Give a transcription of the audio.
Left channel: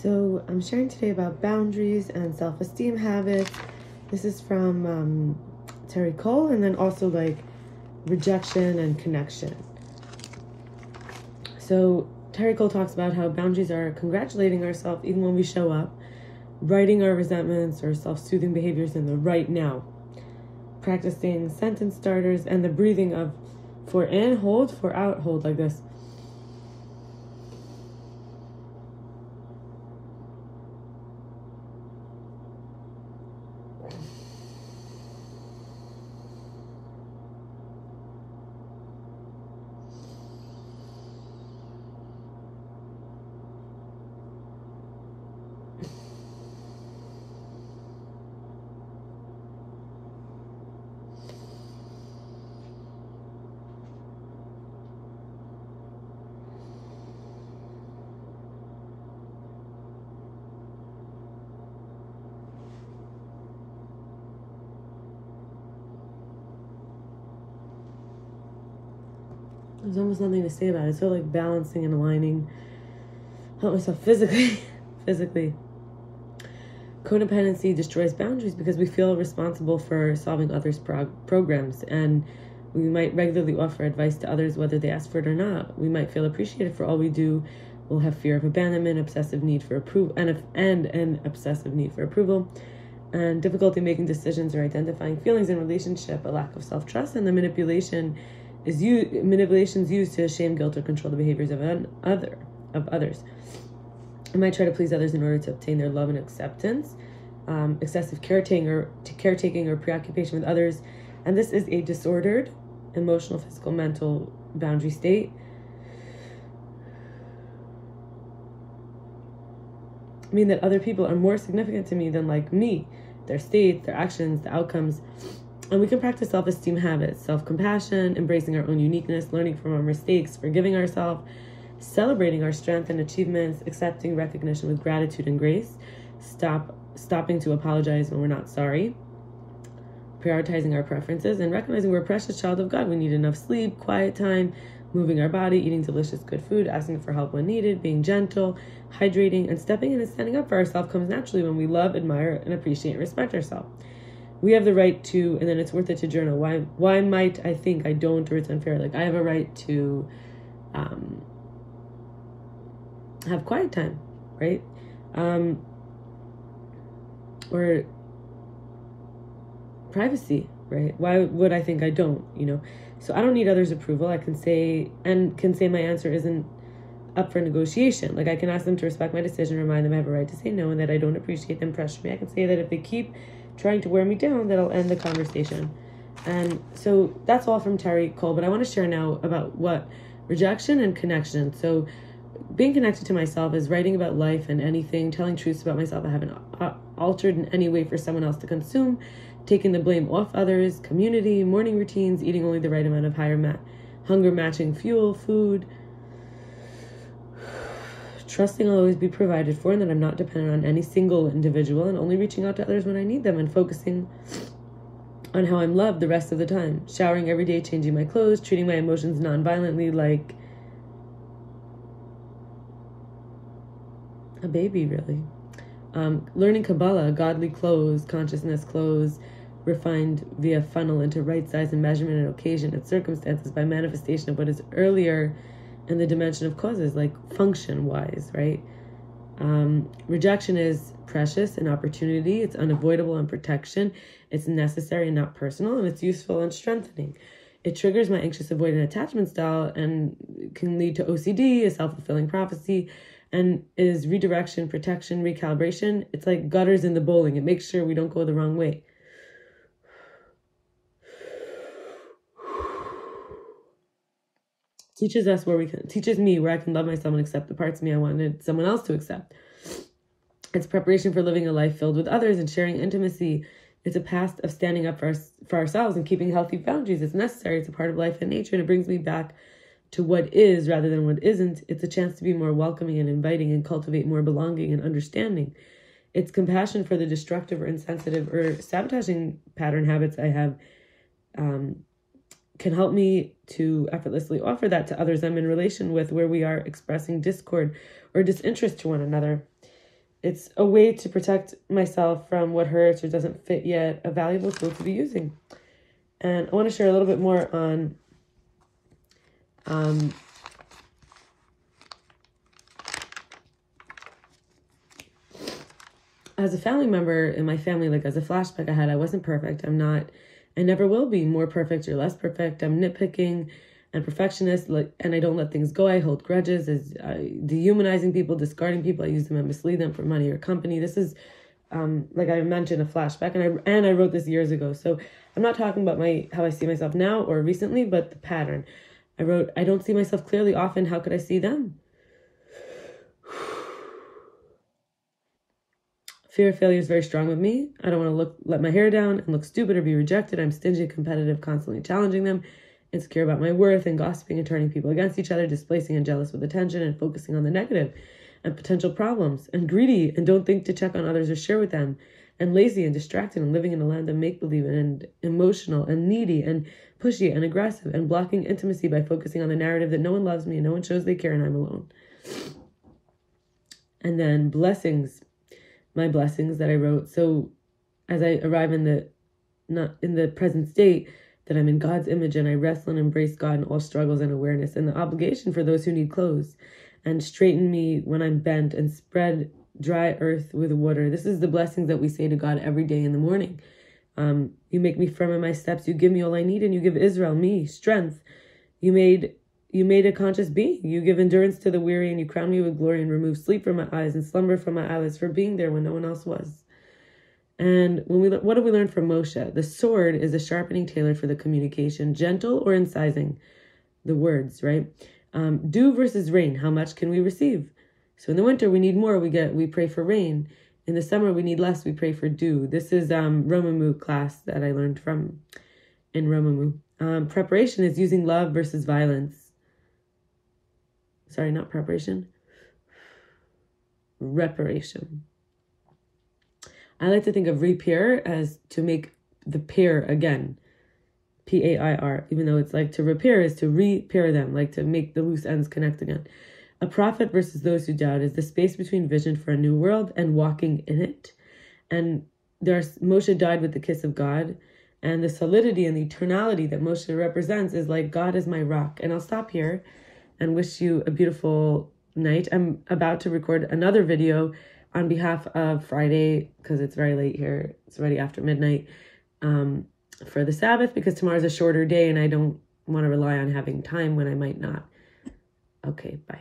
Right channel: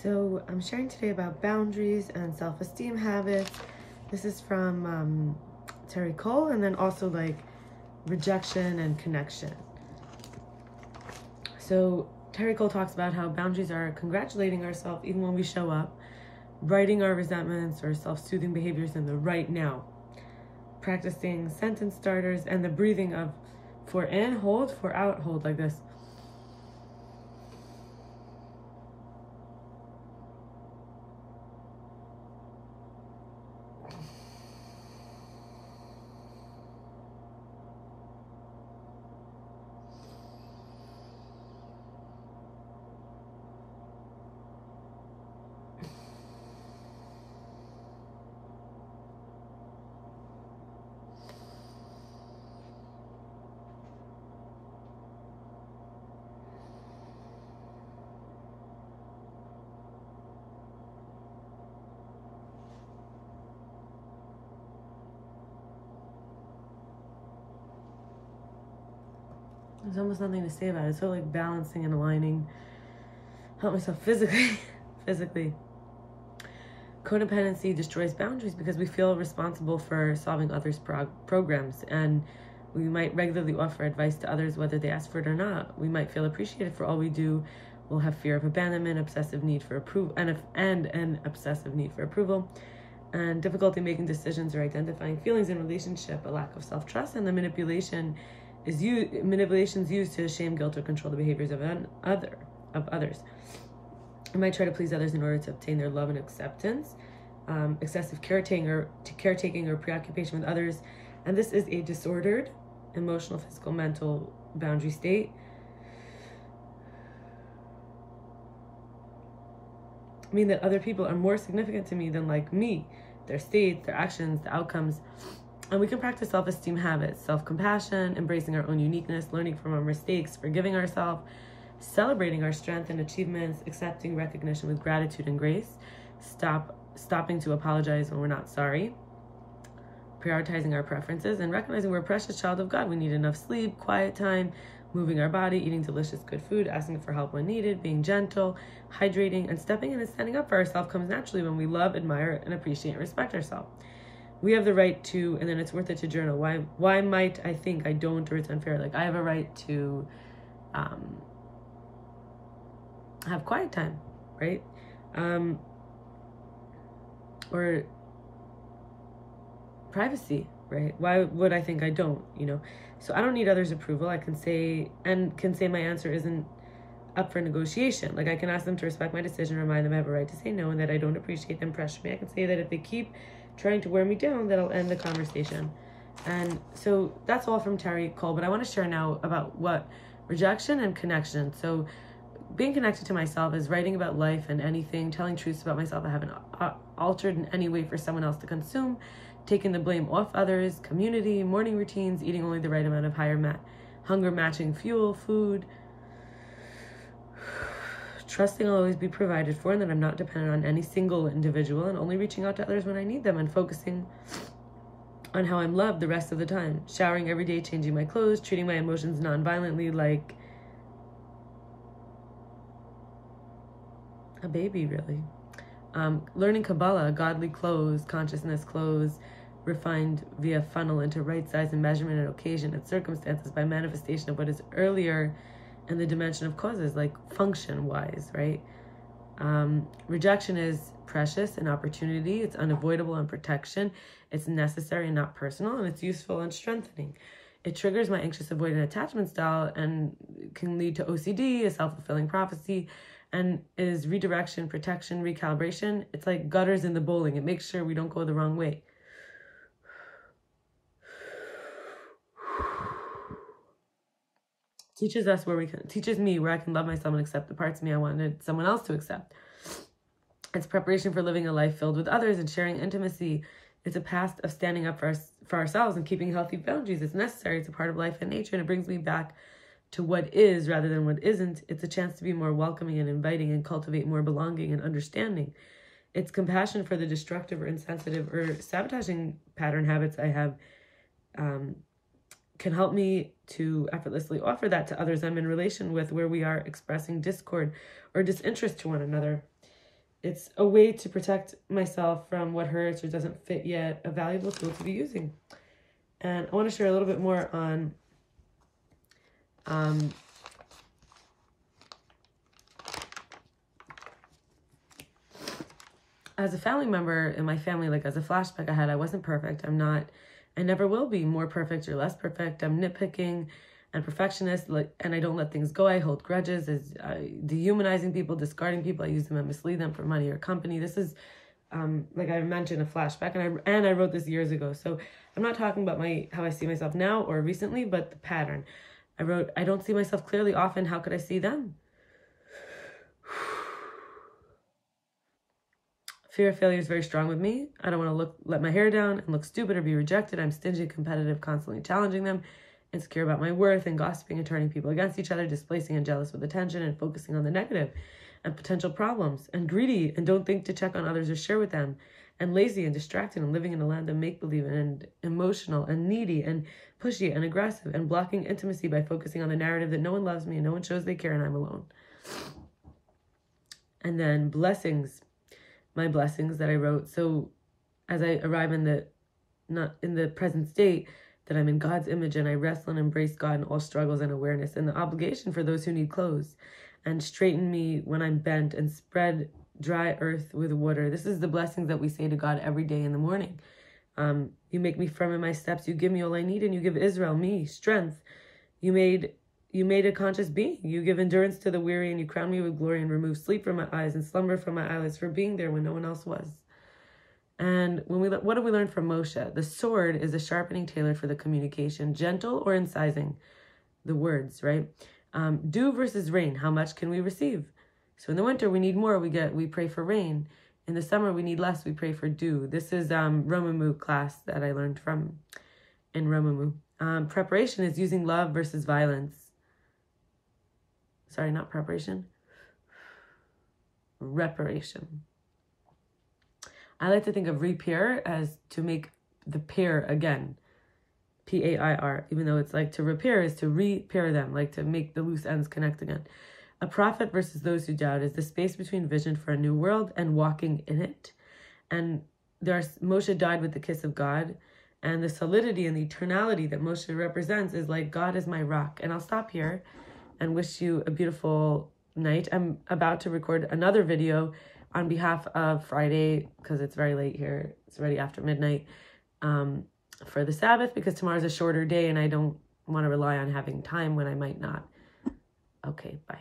So I'm sharing today about boundaries and self-esteem habits. This is from Terri, and then also like rejection and connection. So Terri talks about how boundaries are congratulating ourselves even when we show up, writing our resentments or self-soothing behaviors in the right now, practicing sentence starters and the breathing of for in, hold, for out, hold, like this. There's almost nothing to say about it. It's so like balancing and aligning. Help myself physically. Codependency destroys boundaries because we feel responsible for solving others' programs, and we might regularly offer advice to others whether they ask for it or not. We might feel appreciated for all we do. We'll have fear of abandonment, obsessive need for approval, and an obsessive need for approval, and difficulty making decisions or identifying feelings in relationship, a lack of self-trust, and the manipulations used to shame, guilt, or control the behaviors of others. I might try to please others in order to obtain their love and acceptance. Excessive caretaking or preoccupation with others, and this is a disordered emotional, physical, mental boundary state. I mean that other people are more significant to me than like me, their states, their actions, the outcomes. And we can practice self-esteem habits, self-compassion, embracing our own uniqueness, learning from our mistakes, forgiving ourselves, celebrating our strength and achievements, accepting recognition with gratitude and grace, stopping to apologize when we're not sorry, prioritizing our preferences, and recognizing we're a precious child of God. We need enough sleep, quiet time, moving our body, eating delicious, good food, asking for help when needed, being gentle, hydrating, and stepping in and standing up for ourselves comes naturally when we love, admire, and appreciate and respect ourselves. We have the right to, and then it's worth it to journal. Why might I think I don't, or it's unfair? Like I have a right to have quiet time, right? Or privacy, right? Why would I think I don't, So I don't need others' approval. I can say my answer isn't up for negotiation. Like I can ask them to respect my decision, remind them I have a right to say no and that I don't appreciate them pressure me. I can say that if they keep trying to wear me down, that I'll end the conversation. And so that's all from Terri, but I want to share now about what rejection and connection. So being connected to myself is writing about life and anything, telling truths about myself I haven't altered in any way for someone else to consume, taking the blame off others, community, morning routines, eating only the right amount of hunger matching fuel, food, trusting I'll always be provided for and that I'm not dependent on any single individual, and only reaching out to others when I need them, and focusing on how I'm loved the rest of the time. Showering every day, changing my clothes, treating my emotions non-violently like a baby, really. Learning Kabbalah, godly clothes, consciousness clothes, refined via funnel into right size and measurement and occasion and circumstances by manifestation of what is earlier in the dimension of causes, like function-wise, right? Rejection is precious and opportunity. It's unavoidable and protection. It's necessary and not personal, and it's useful and strengthening. It triggers my anxious avoidant attachment style and can lead to OCD, a self-fulfilling prophecy, and is redirection, protection, recalibration. It's like gutters in the bowling. It makes sure we don't go the wrong way. Teaches me where I can love myself and accept the parts of me I wanted someone else to accept. It's preparation for living a life filled with others and sharing intimacy. It's a path of standing up for ourselves and keeping healthy boundaries. It's necessary. It's a part of life and nature, and it brings me back to what is rather than what isn't. It's a chance to be more welcoming and inviting and cultivate more belonging and understanding. It's compassion for the destructive or insensitive or sabotaging pattern habits I have. Can help me to effortlessly offer that to others I'm in relation with, where we are expressing discord or disinterest to one another. It's a way to protect myself from what hurts or doesn't fit yet, a valuable tool to be using. And I want to share a little bit more on as a family member in my family, like as a flashback I had, I wasn't perfect. I never will be more perfect or less perfect. I'm nitpicking and perfectionist, and I don't let things go. I hold grudges, dehumanizing people, discarding people. I use them and mislead them for money or company. This is, like I mentioned, a flashback, and I wrote this years ago. So I'm not talking about how I see myself now or recently, but the pattern. I wrote, I don't see myself clearly often. How could I see them? Fear of failure is very strong with me. I don't want to let my hair down and look stupid or be rejected. I'm stingy, competitive, constantly challenging them, insecure about my worth, and gossiping and turning people against each other, displacing and jealous with attention and focusing on the negative and potential problems, and greedy and don't think to check on others or share with them, and lazy and distracted and living in a land of make-believe, and emotional and needy and pushy and aggressive and blocking intimacy by focusing on the narrative that no one loves me and no one shows they care and I'm alone. And then blessings. My blessings that I wrote. So as I arrive in the present state, that I'm in God's image and I wrestle and embrace God in all struggles and awareness, and the obligation for those who need clothes, and straighten me when I'm bent, and spread dry earth with water. This is the blessings that we say to God every day in the morning. You make me firm in my steps. You give me all I need, and you give Israel, me, strength. You made a conscious being. You give endurance to the weary, and you crown me with glory, and remove sleep from my eyes and slumber from my eyelids, for being there when no one else was. And what do we learn from Moshe? The sword is a sharpening tailor for the communication, gentle or incising the words, right? Dew versus rain. How much can we receive? So in the winter, we need more. We pray for rain. In the summer, we need less. We pray for dew. This is romemu class that I learned from in romemu. Preparation is using love versus violence. Sorry, not preparation. Reparation. I like to think of repair as to make the pair again. P-A-I-R. Even though it's like to repair is to repair them, like to make the loose ends connect again. A prophet versus those who doubt is the space between vision for a new world and walking in it. And Moshe died with the kiss of God. And the solidity and the eternality that Moshe represents is like, God is my rock. And I'll stop here and wish you a beautiful night. I'm about to record another video on behalf of Friday, because it's very late here. It's already after midnight, for the Sabbath, because tomorrow's a shorter day and I don't want to rely on having time when I might not. Okay, bye.